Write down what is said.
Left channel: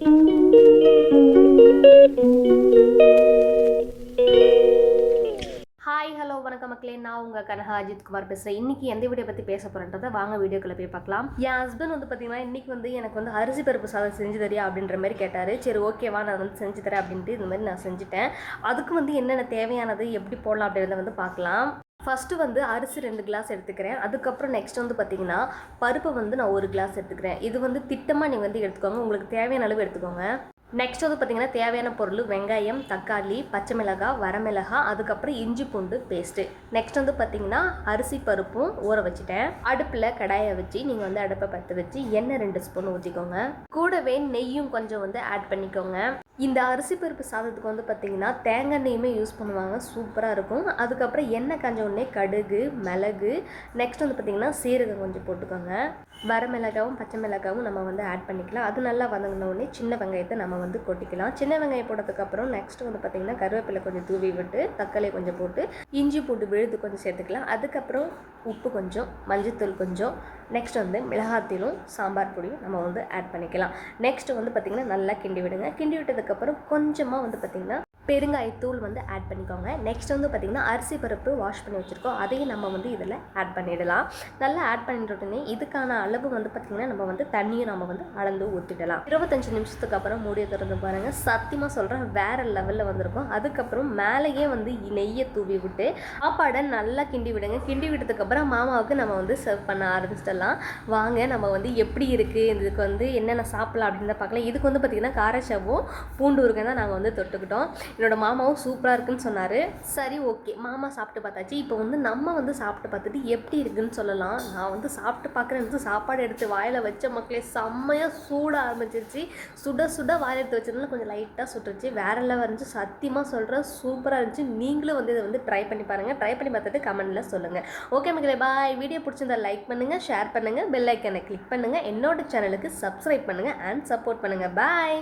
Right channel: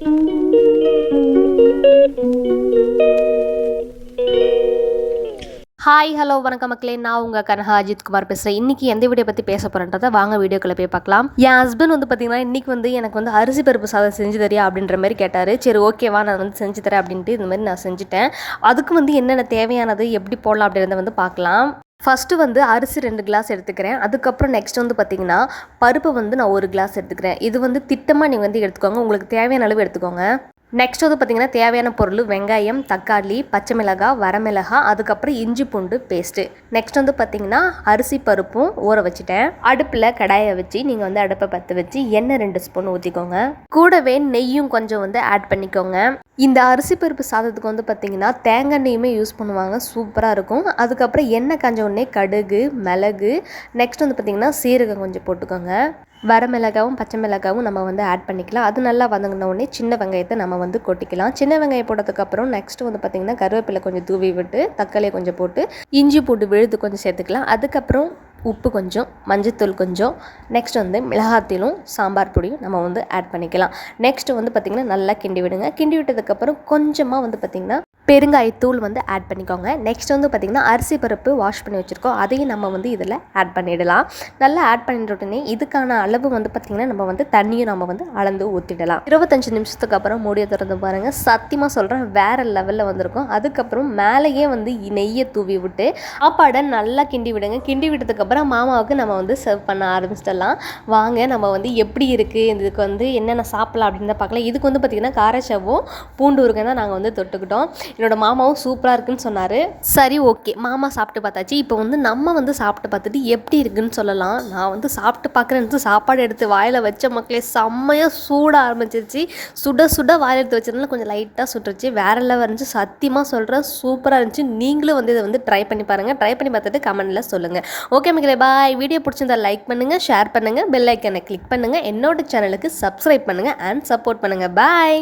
Hi hello வணக்கம் மக்களே, நான் உங்கள் கனகா அஜித்குமார் பேசுகிறேன். இன்றைக்கி எந்த வீடியோ பற்றி பேச போகிறேன்றதை வாங்க வீடியோக்குள்ளே போய் பார்க்கலாம். என் ஹஸ்பண்ட் வந்து பார்த்திங்கன்னா இன்றைக்கி எனக்கு அரிசி பருப்பு சாதம் செஞ்சு தரியா அப்படின்ற மாதிரி கேட்டார். சரி ஓகேவா, நான் செஞ்சு தரேன் அப்படின்ட்டு இந்த மாதிரி நான் செஞ்சுட்டேன். அதுக்கு என்னென்ன தேவையானது, எப்படி போடலாம் அப்படின்றத பார்க்கலாம். ஃபஸ்ட்டு அரிசி 2 கிளாஸ் எடுத்துக்கிறேன். அதுக்கப்புறம் நெக்ஸ்ட் பார்த்திங்கன்னா பருப்பு நான் 1 கிளாஸ் எடுத்துக்கிறேன். இது திட்டமாக நீங்கள் எடுத்துக்கோங்க, உங்களுக்கு தேவையான அளவு எடுத்துக்கோங்க. நெக்ஸ்ட் பார்த்திங்கன்னா தேவையான பொருள் வெங்காயம், தக்காளி, பச்சை மிளகாய், வரமிளகாய், அதுக்கப்புறம் இஞ்சி பூண்டு பேஸ்ட்டு. நெக்ஸ்ட் பார்த்திங்கன்னா அரிசி பருப்பும் ஊற வச்சுட்டேன். அடுப்பில் கடாயை வச்சு நீங்கள் அடுப்பை பற்ற வச்சு எண்ணெய் 2 ஸ்பூன் ஊற்றிக்கோங்க. கூடவே நெய்யும் கொஞ்சம் ஆட் பண்ணிக்கோங்க. இந்த அரிசி பருப்பு சாதத்துக்கு பார்த்திங்கன்னா தேங்காய் எண்ணெயுமே யூஸ் பண்ணுவாங்க, சூப்பராக இருக்கும். அதுக்கப்புறம் எண்ணெய் காஞ்ச உடனே கடுகு, மிளகு, நெக்ஸ்ட் பார்த்திங்கன்னா சீரகம் கொஞ்சம் போட்டுக்கோங்க. வரமிளகாவும் பச்சை மிளகாவும் நம்ம ஆட் பண்ணிக்கலாம். அது நல்லா வதங்கின உடனே சின்ன வெங்காயத்தை நம்ம கொட்டிக்கலாம். சின்ன வெங்காயம் போட்டதுக்கப்புறம் நெக்ஸ்ட் பார்த்திங்கன்னா கருவேப்பிலை கொஞ்சம் தூவி விட்டு தக்காளியை கொஞ்சம் போட்டு இஞ்சி பூண்டு விழுது கொஞ்சம் சேர்த்துக்கலாம். அதுக்கப்புறம் உப்பு கொஞ்சம், மஞ்சத்தூள் கொஞ்சம், நெக்ஸ்ட் மிளகாத்தூளும் சாம்பார் பொடியும் நம்ம ஆட் பண்ணிக்கலாம். நெக்ஸ்ட் பார்த்திங்கன்னா நல்லா கிண்டி விடுங்க. கிண்டி விட்டதுக்கப்புறம் கொஞ்சமாக பார்த்திங்கன்னா பெருங்காயத்தூள் ஆட் பண்ணிக்கோங்க. நெக்ஸ்ட் பார்த்திங்கன்னா அரிசி பருப்பு வாஷ் பண்ணி வச்சுருக்கோம், அதையும் நம்ம இதில் ஆட் பண்ணிடலாம். நல்லா ஆட் பண்ணிட்ட உடனே இதுக்கான அளவு பார்த்திங்கன்னா நம்ம தண்ணியும் நம்ம அளந்து ஊற்றிடலாம். 25 நிமிஷத்துக்கு அப்புறம் மூடியை திறந்து பாருங்கள். சத்தியமாக சொல்கிறேன், வேறு லெவலில் வந்திருக்கும். அதுக்கப்புறம் மேலேயே நெய்யை தூவி விட்டு சாப்பாடை நல்லா கிண்டி விடுங்க. கிண்டி விட்டதுக்கப்புறம் மாமாவுக்கு நம்ம சர்வ் பண்ண ஆரம்பிச்சிடலாம். வாங்க நம்ம எப்படி இருக்குது, இதுக்கு என்னென்ன சாப்பிடலாம் அப்படின்னு தான் பார்க்கலாம். இதுக்கு பார்த்திங்கன்னா காரச்சவும் பூண்டு ஊறுகாய் தான் நாங்கள் தொட்டுக்கிட்டோம். என்னோட மாமாவும் சூப்பராக இருக்குன்னு சொன்னார். சரி ஓகே, மாமா சாப்பிட்டு பார்த்தாச்சு. இப்போ நம்ம சாப்பிட்டு பார்த்துட்டு எப்படி இருக்குன்னு சொல்லலாம். நான் சாப்பிட்டு பார்க்குறேன். சாப்பாடு எடுத்து வாயில் வச்ச மக்களே செம்மையாக சூட ஆரம்பிச்சிருச்சு. சுட சுட வாயில் எடுத்து வச்சதுனால கொஞ்சம் லைட்டாக சுட்டுருச்சு. வேறு லெவல் இருந்துச்சு, சத்தியமாக சொல்கிறேன், சூப்பராக இருந்துச்சு. நீங்களும் இதை ட்ரை பண்ணி பாருங்கள். ட்ரை பண்ணி பார்த்துட்டு கமெண்ட்டில் சொல்லுங்கள். ஓகே மக்களே, பாய். வீடியோ பிடிச்சிருந்தா லைக் பண்ணுங்கள், ஷேர் பண்ணுங்கள், பெல் ஐக்கனை கிளிக் பண்ணுங்கள், என்னோட சேனலுக்கு சப்ஸ்கிரைப் பண்ணுங்கள் அண்ட் சப்போர்ட் பண்ணுங்கள். பாய்.